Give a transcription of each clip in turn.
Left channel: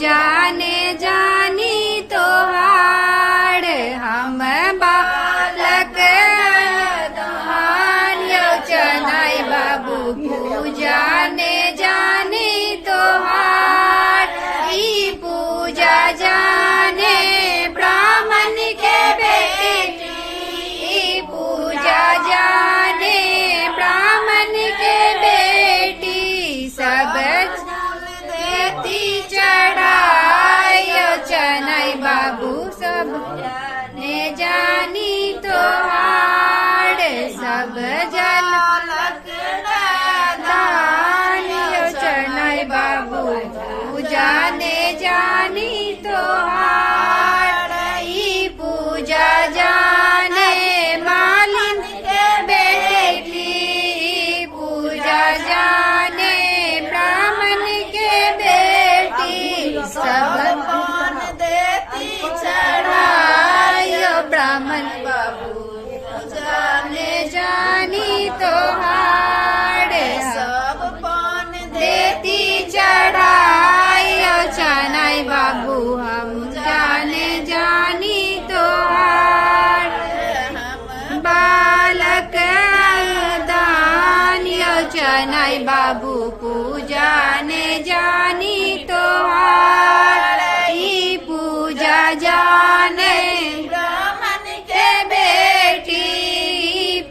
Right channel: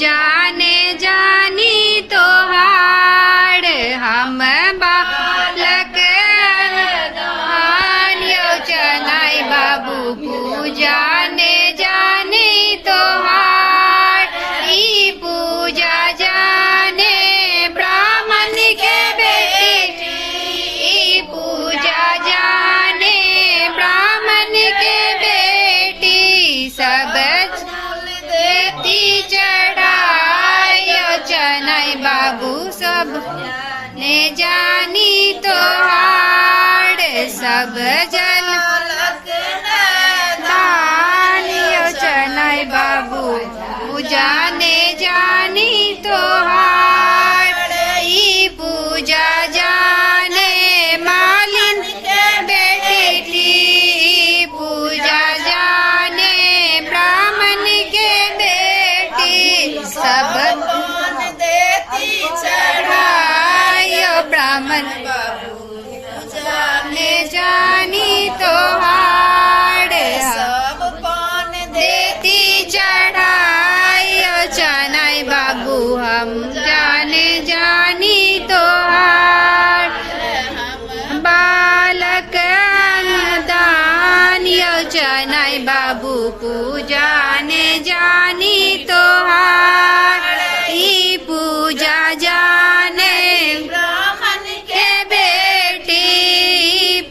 जाने जानी तोहार हम बालक धान्यो चनाई बाबू पूजा ने जाने तोहार ई पूजा जाने ब्राह्मण के बेटी ई पूजा जाने ब्राह्मण के बेटी सब देती चढ़ायो चनाई बाबू सब ने जानी तोहार सब जल दानियो चनाई बाबू पूजा ने जानी तोहार ई पूजा जाने मालिन के बेटी पूजा जाने ब्राह्मण के बेटी सब देती चढ़ायो ब्राह्मण ने जानी तोहार सब पान देती चढ़ायो चनाई बाबू हम जाने जानी तोहार बालक दानियो चनाई बाबू पूजा ने जानी तोहार ई पूजा जाने ब्राह्मण के बेटी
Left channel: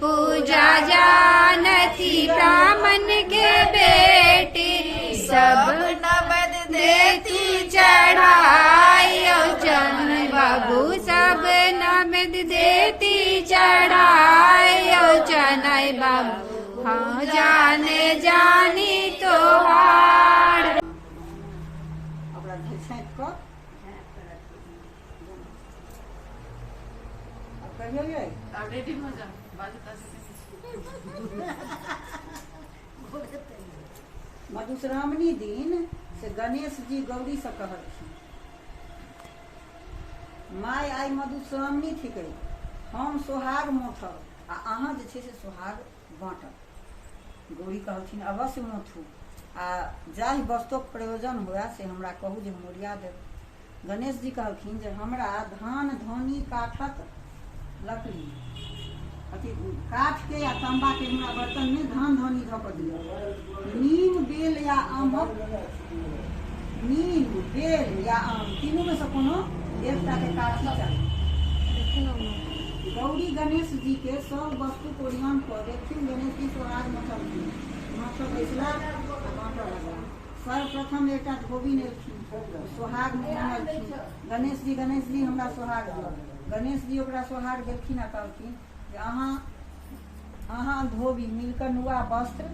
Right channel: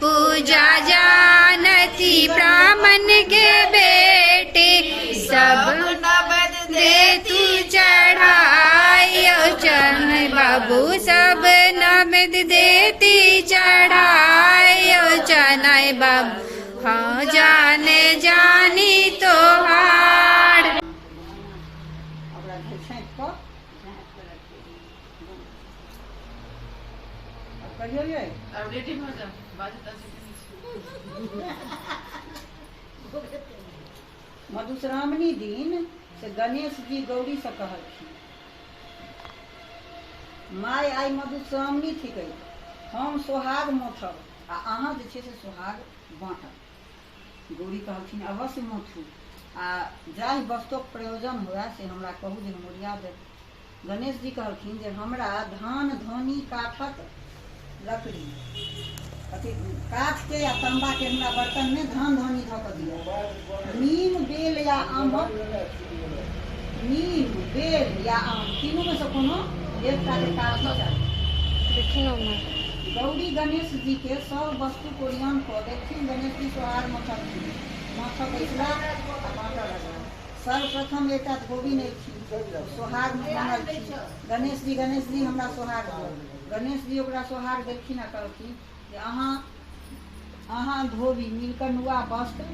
पूजा जानती ब्राह्मण के बेटी सब दे तू चढ़ायो चनाई बाबू सब नमद देती चढ़ायो चनाई बाबू हाँ जाने जानी तोहार मधुश्रावणी दिन से गणेश जी गौरी से कहलखिन माय आई मधुश्रावणी थिक हम सोहाग मोथब आ अहाँ जे छै से सोहाग बाँटब। गौरी कहलखिन अवश्य मोथू आ जाहि वस्तुक प्रयोजन हुए से हमरा कहू जे हम ओरिया देब। गणेश जी कहलखिन जे हमरा धान धनी काठक लकड़ी अथी काठ के या तांबा के हमरा बर्तन में धान धनी धऽ कऽ दिअ। नीम बेल या आमक नीम बेल या आम तीनों में से कोनो एकटा के काठी चाही। गौरी गणेश जी के सब वस्तु को ओरियान कऽ देथिन। गणेश जी सोहाग मथलखिन माथक बैसला आ बाँटऽ लगला। सर्वप्रथम एकटा धोबी नेलखिन सोहाग मांगलखिन गणेश जी हमरा सोहाग दिअ। गणेश जी ओकरा सोहाग देलखिन आ कहलखिन जे अहाँ धोबी मिलकर नुआ वस्त्र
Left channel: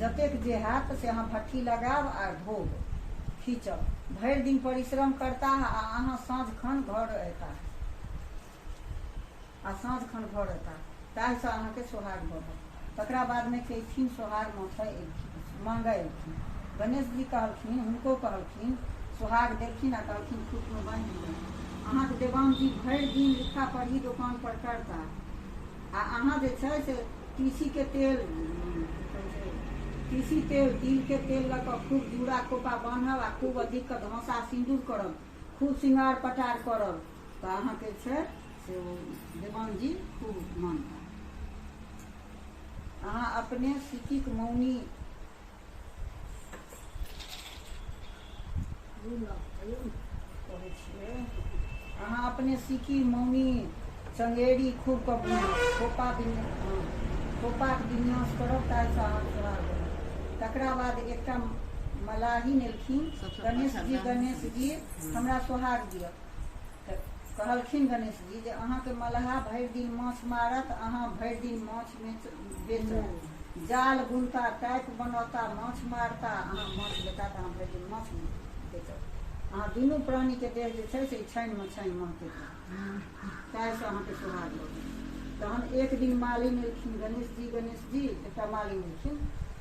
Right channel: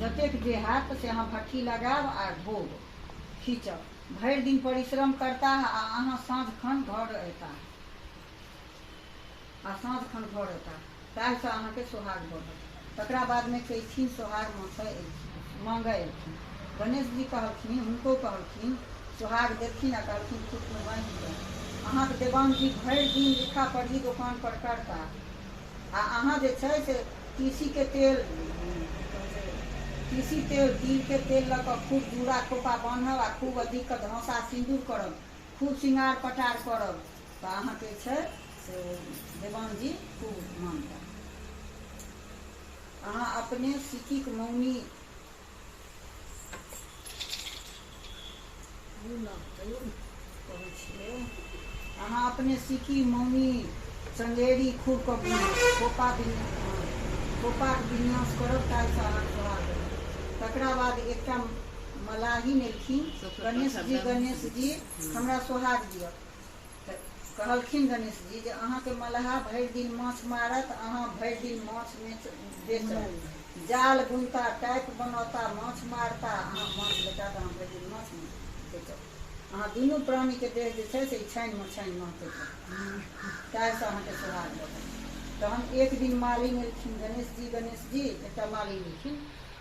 जतेक जे हैत से अहाँ भट्ठी लगाब आ धोब खींचब। भरि दिन परिश्रम करता आ अहाँ साँझ खन घर अयता ताहिसँ अहाँके सोहाग बढ़त। तकरा बादमे कयथिन सोहाग मांगऽ एलखिन। गणेश जी कहलखिन हुनको कहलखिन सोहाग देलखिन आ कहलखिन खुटमे बाँधि दियौ। अहाँके देवांग जी भरि दिन लिखा पढ़ी दोकान पर करता आ अहाँ जे छै से तीसी तेल तिल के तेल लऽ कऽ खूब जूड़ा कोपा बान्हब आ खूब अधिक धौसा सिन्दूर करब खूब श्रृंगार पटार करब तऽ अहाँके छै से देवांग जी खूब मानता। अहाँ अपने सिक्कीक मौनी कहै छियै अहाँ अपने सिक्की मौनी चंगेरी खूब कऽ खोपाक विन्यास करब ताहिसँ अहाँके सोहाग देब। तकरा बाद एकटा मलाही नेलखिन गणेश जी हमरा सोहाग दिअ। कहलखिन गणेश जी जे अहाँके मलाहा भरि दिन माछ मारत अहाँ भरि दिन माछ बेचब। जाल बुनता टाइप बनौता माछ मारता अहाँ माछ लेता तऽ अहाँ भरि दिन माछ बेचब। अहाँ दुनू प्राणीके देह जे छै से छानिमे महकैत ताहिसँ अहाँके सोहाग देबै। तहन एक दिन मालिन एलखिन गणेश जी एकटा मालिन एलखिन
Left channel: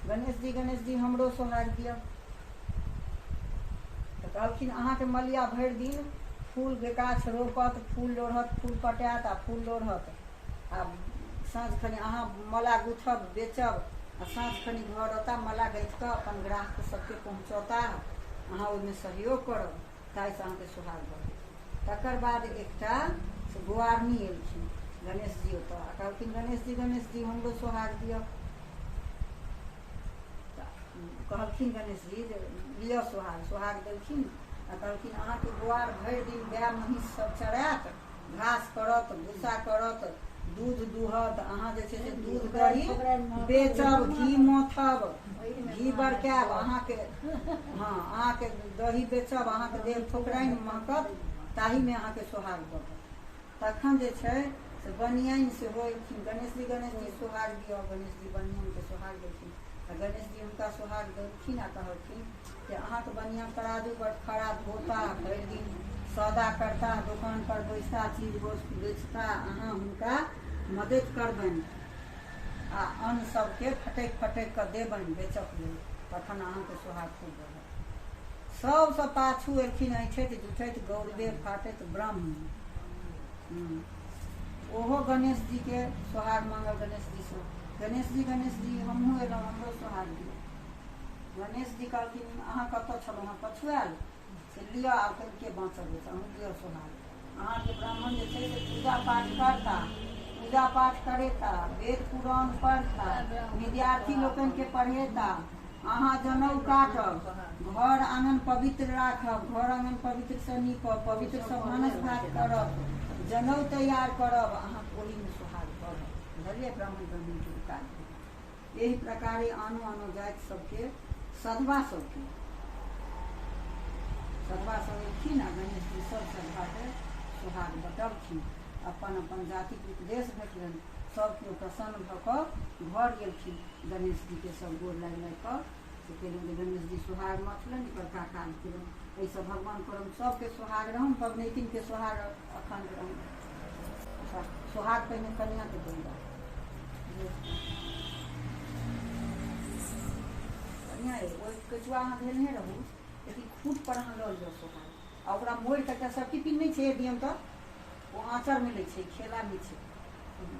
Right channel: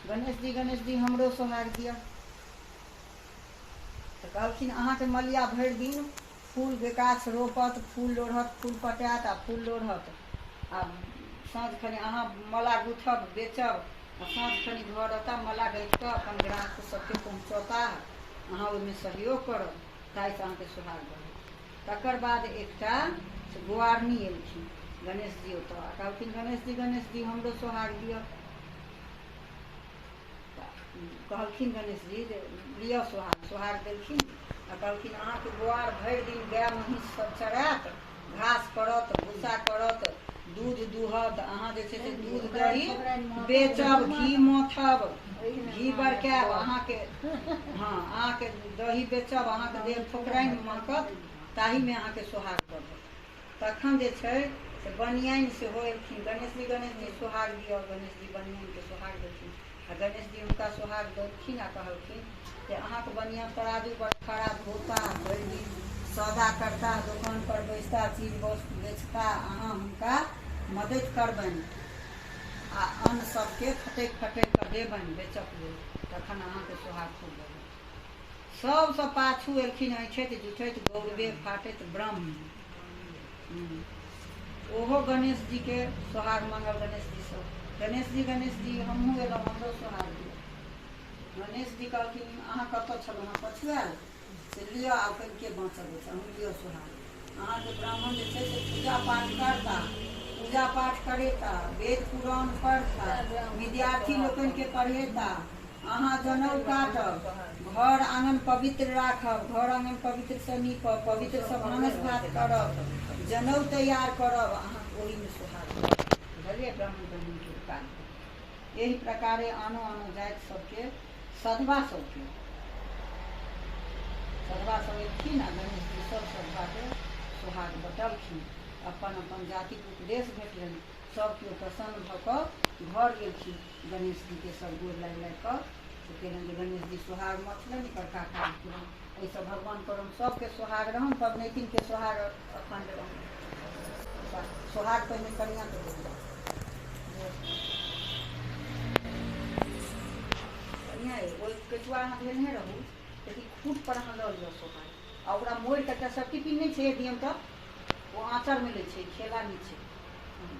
गणेश जी हमरो सोहाग दिअ। तऽ कहलखिन अहाँके मलिया भरि दिन फूल के गाछ रोपत फूल लोढ़त फूल पटात आ फूल लोढ़त आ साँझ खनि अहाँ मला गुथब बेचब आ साँझ खनि घर अता मला गैठ कऽ अपन ग्राहक सबके पहुँचौता अहाँ ओहिमे सहयोग करब। ताहिसँ अहाँके सोहाग बढ़त। तकर बाद एकटा से गोआरनी एलखिन गणेश जी ओतऽ आ कहलखिन गणेश जी हमरो सोहाग दिअ। कहलखिन गणेश जी जे लिअ सोहाग देलखिन आ कहलखिन अहाँके गोआर भरि दिन गाय महीँस सब चरायत, घास करत, भूसा करत, दूध दूहत, अहाँ जे छै से दूध दही बेचब, घी मथब, घी बरकायब, अहाँके हाँ अहाँके दही बेचब, अहाँके देह ठोकराइन महकत, ताहीमे अहाँके सोहाग बढ़त। तखन जे छै से बनियाइन सेहो एलखिन गणेश जी सोहाग दिअ। गणेश जी बनियाइनके सोहाग देलखिन आ गणेश जी हुनका सोहाग देलखिन आ कहलखिन जे अहाँके बनियान तराजू पर खड़ा धोता, भरि दिन सौदा करता, दोकान पर बैसता, चीज वस्तु बेचता, अहाँ हुनका मदद करबनि आ अन्न सबके फटकि कऽ देबनि बेचक लेल, तखन अहाँके सोहाग खूब बढ़त। सबसँ पाछू एलखिन ऐठैत जुठैत गौरवे फाटैत ब्रह्म। ओहो गणेश जी के सोहाग मांगल गणेश जी हमहूँ एलहुँ, हमरो सोहाग दिअ। गणेश जी कहलखिन अहाँ कतऽ छलहुँ, अहाँ पछुआएल, से लिअ आब कनिके बाँचल अछि, अहूँ लिअ सोहाग। अहाँके ब्राह्मण जे छै से पूजा पाठ करता, पूजा पाठ करेता, वेद पुराण पढ़ता, विद्यार्थी लोकनिके पढ़ेता, अहाँ जनऊ काटब, घर आंगन पवित्र राखब, घर आंगन पवित्र से नीपब, पवित्र से भानस भात करब, जनऊ तैयार करब, अहाँ ओहीमे सोहाग करब। बुझलियै ब्राह्मण बहिनके काज। एहि प्रकारे आनो जाति सबके सधवा सब एलखिन आ गणेश जी सब सधवाके सोहाग बटलखिन। अपन जातिके उपदेश भेटलनि, सब केओ प्रसन्न भऽ कऽ घर गेलखिन। गणेश जीके सब गोर लागि कऽ से केलनि जे गणेश जी सोहाग मथलनि, बड़का काज केलनि। एहिसँ भगवान करम सबके सोहाग रहन, पबनैतिनके सोहाग अखण्ड रहन। सोहाग पहिने कनिआँके देल जाउ। कनिआँ ओहि केचुआ अहाँ धेने रहू, लेकिन खूट पर अहाँ लऽ लिअ सोहाग आ ओकरा मोड़ि कऽ एकटा सर्टिफिकेट नहि छै दियम तऽ ओ आँचरमे लै छै, खेला नहि छै,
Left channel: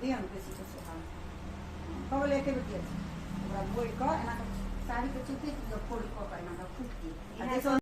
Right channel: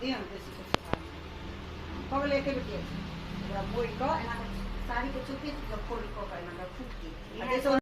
दियम बेसी के सोहाग पगल एके बेटी ओकरा मोड़ि कऽ एना साड़ीके चुपे फोल्ड कऽ कऽ एना खूट दियौ।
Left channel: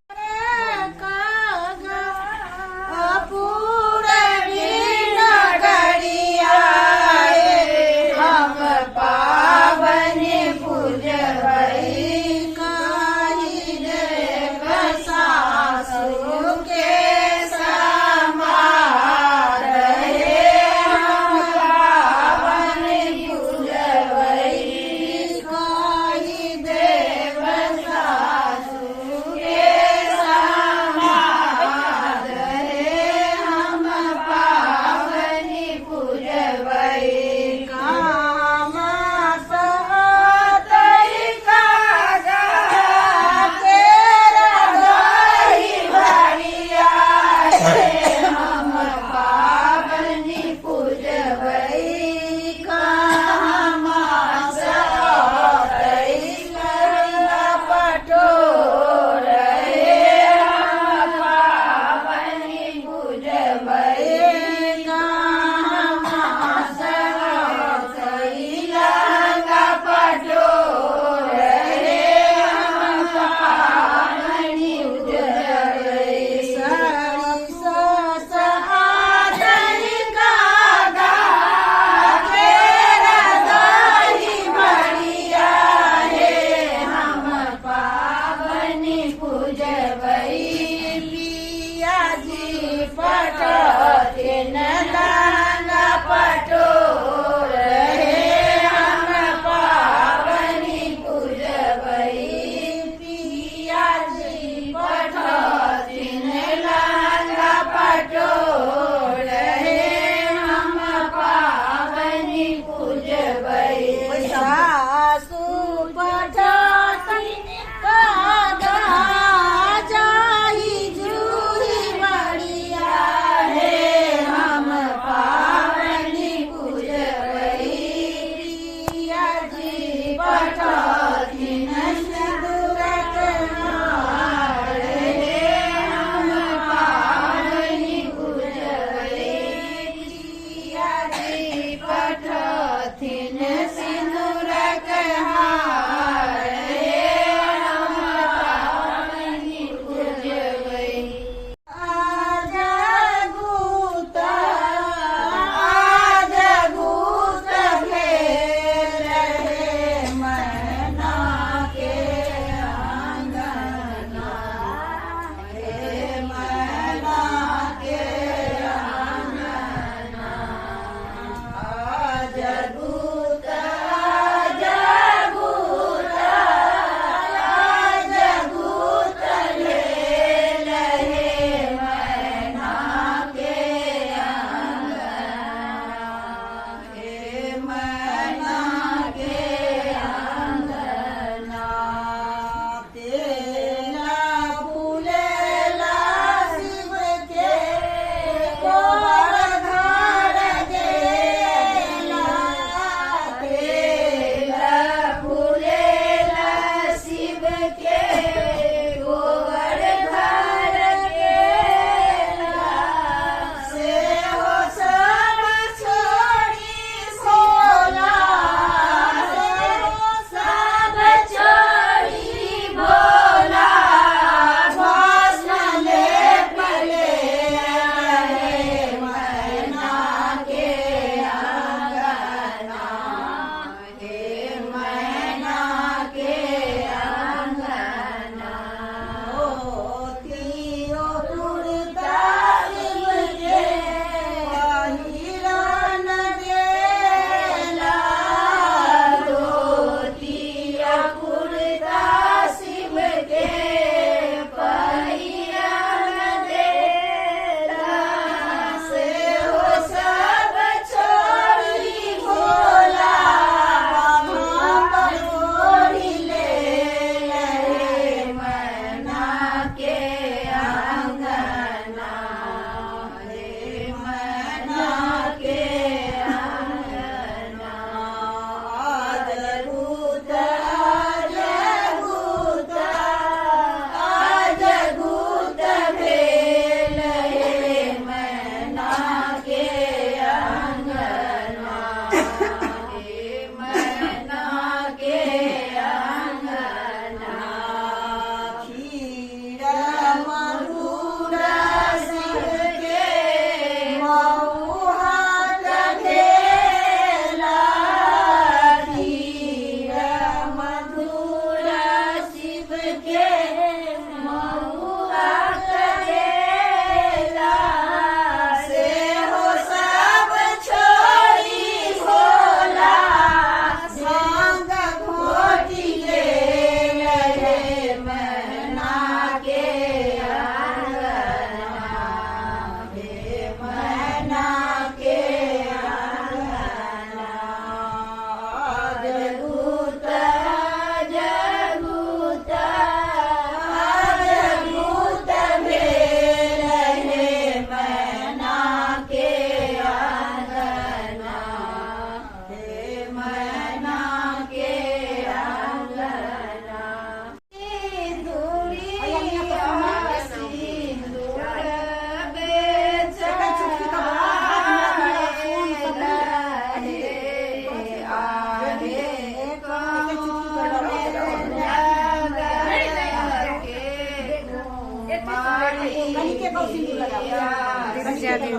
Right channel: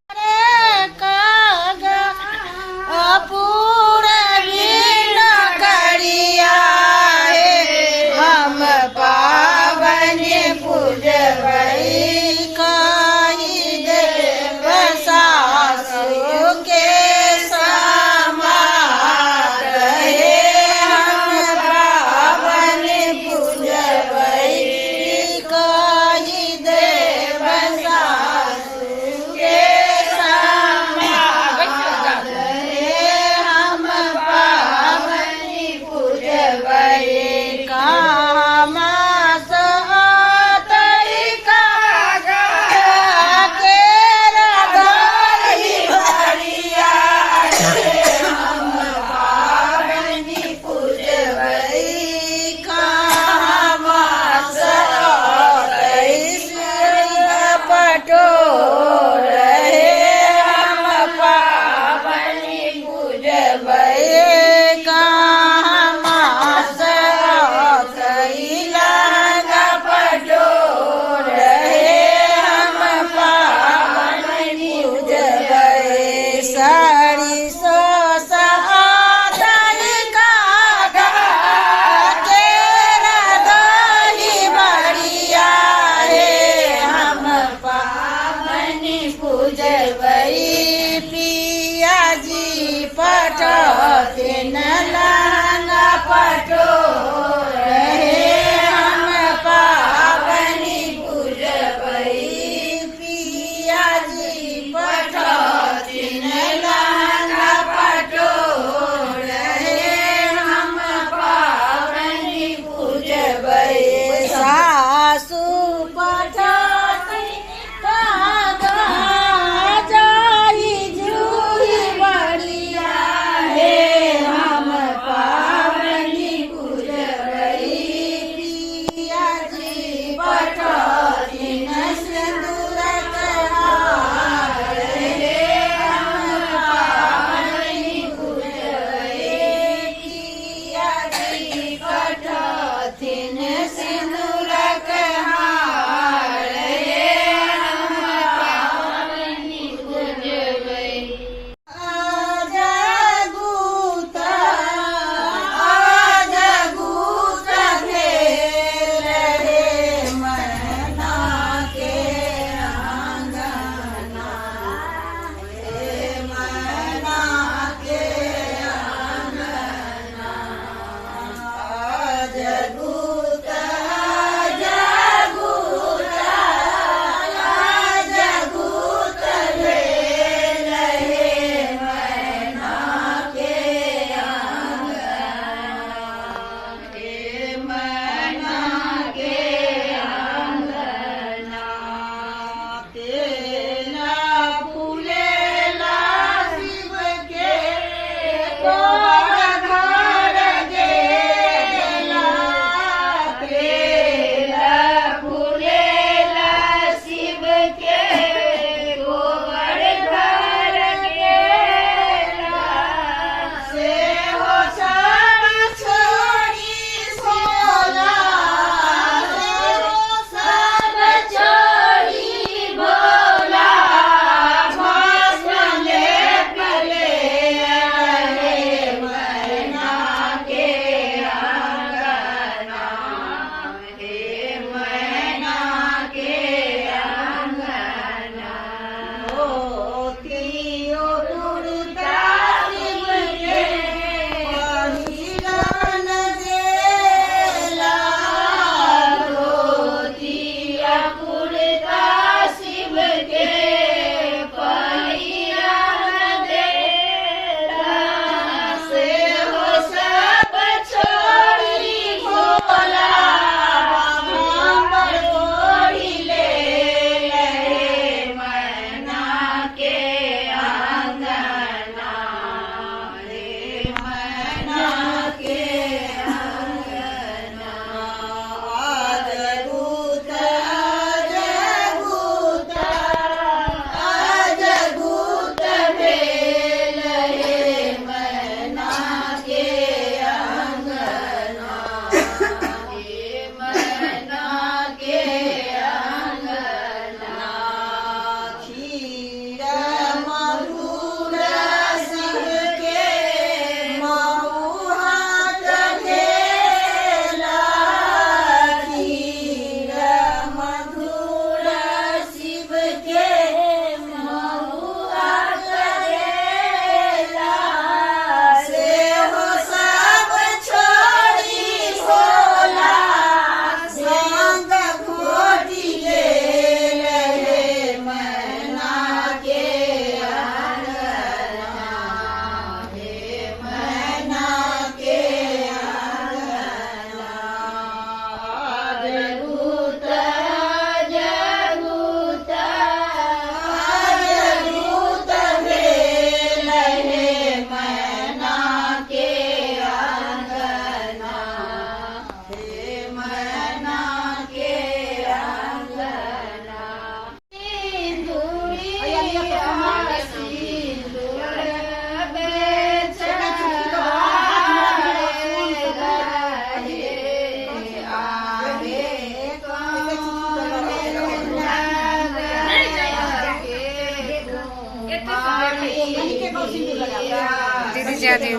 लगा दे।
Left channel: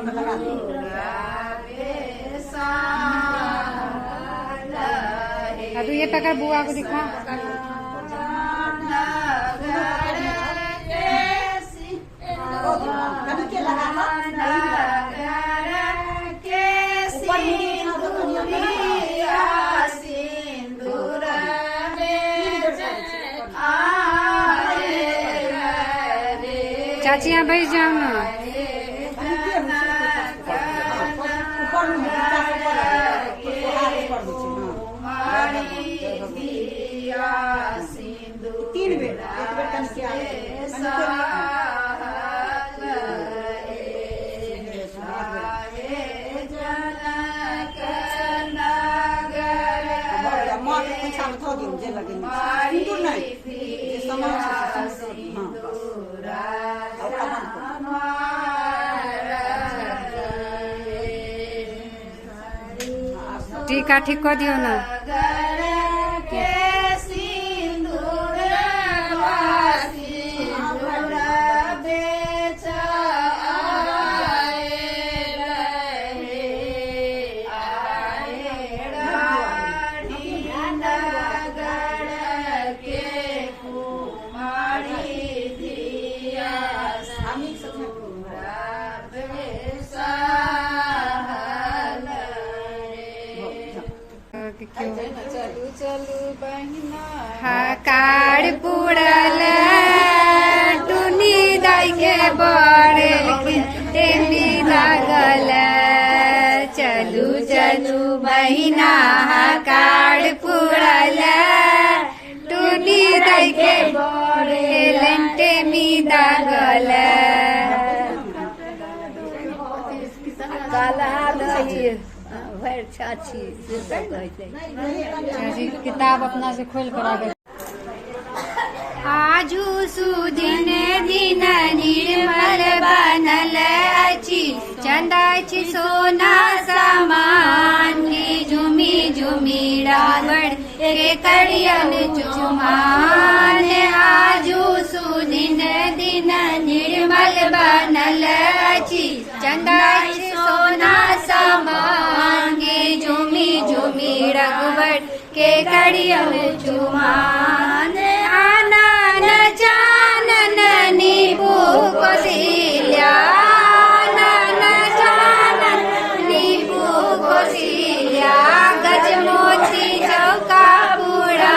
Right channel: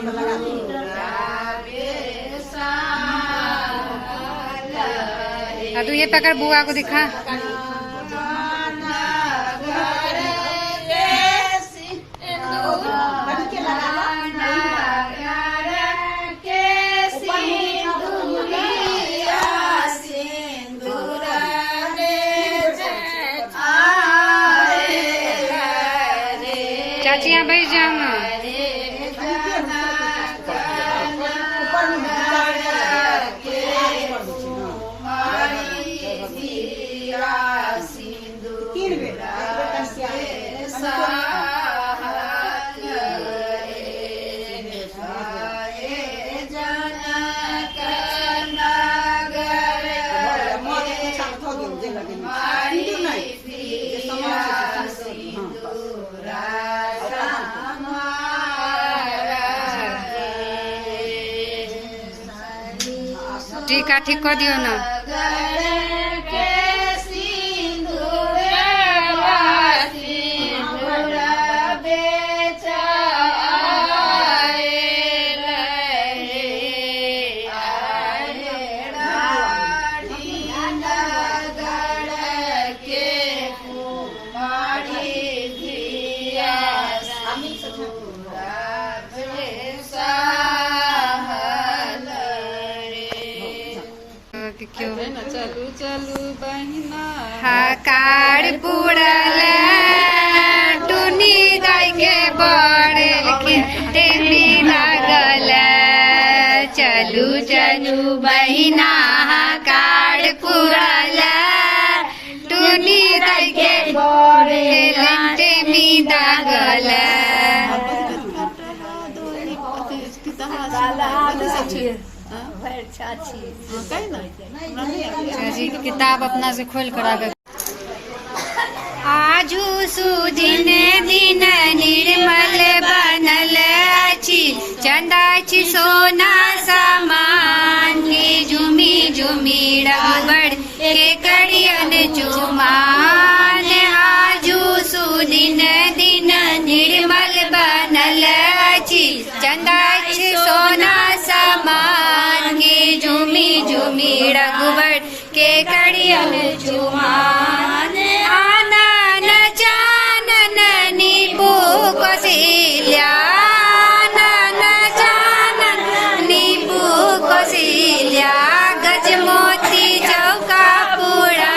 तू ये पकड़, बुआ को दिखा। चाची यहाँ बैठ जाओ ना। टीका ठीक कर दियो ना। चलू चलू बहिना हकार पुड़ल टुनी दाई के बड़ टेमी लागल। चलू चलू बहिना हकार पुड़ल टुनी दाई के बड़ टेमी लागल। चाची किताब अपना से खोल कर आगे। आजू सुदिन दिन निर्मल बनल अछि, चंदा छी सोना समान। झुमी झुमी रघुबर के करियन चुमान। आजू सुदिन दिन निर्मल बनल अछि, चंदा छी सोना समान। झुमी झुमी रघुबर के करियन चुमान। आनन चानन नीपू कौशल्या, आनन चानन नीपू कौशल्या। गजमोती चौका पूरा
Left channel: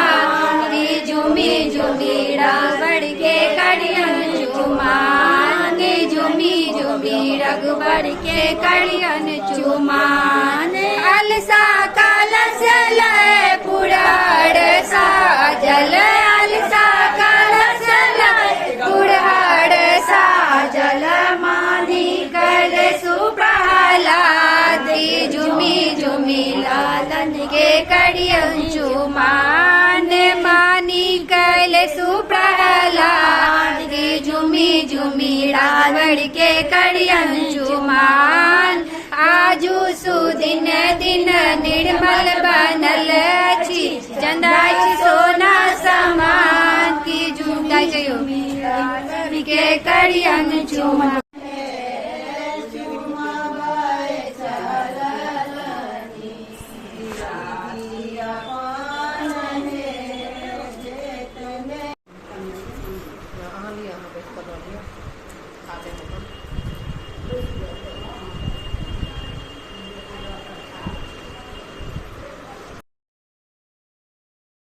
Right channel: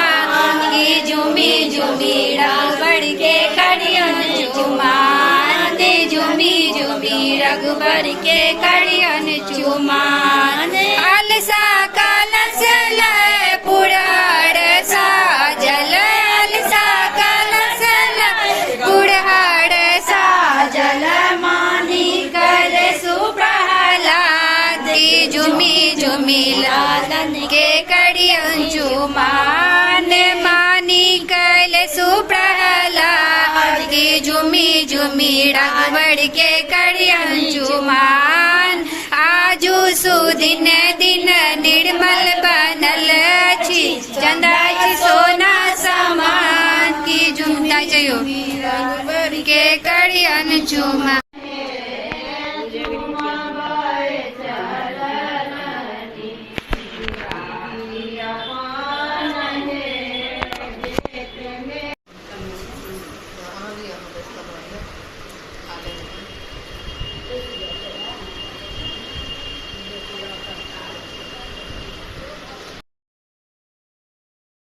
की झुमी झुमी रघुबर के करियन चुमान। झुमी झुमी रघुबर के करियन चुमान। अलसा कलश लय पुराण साजल, अलसा कलश लय पुराण साजल। मानी कल सुप्रहलाद झुमी झुमी लालन के करियन चुमान। मानी कल सुप्रहलाद झुमी झुमी रघुबर के करियन चुमान। आजू सुदिन दिन निर्मल बनल अछि, चंदा छी सोना समान। की झुमता जयो के करियन चुमान।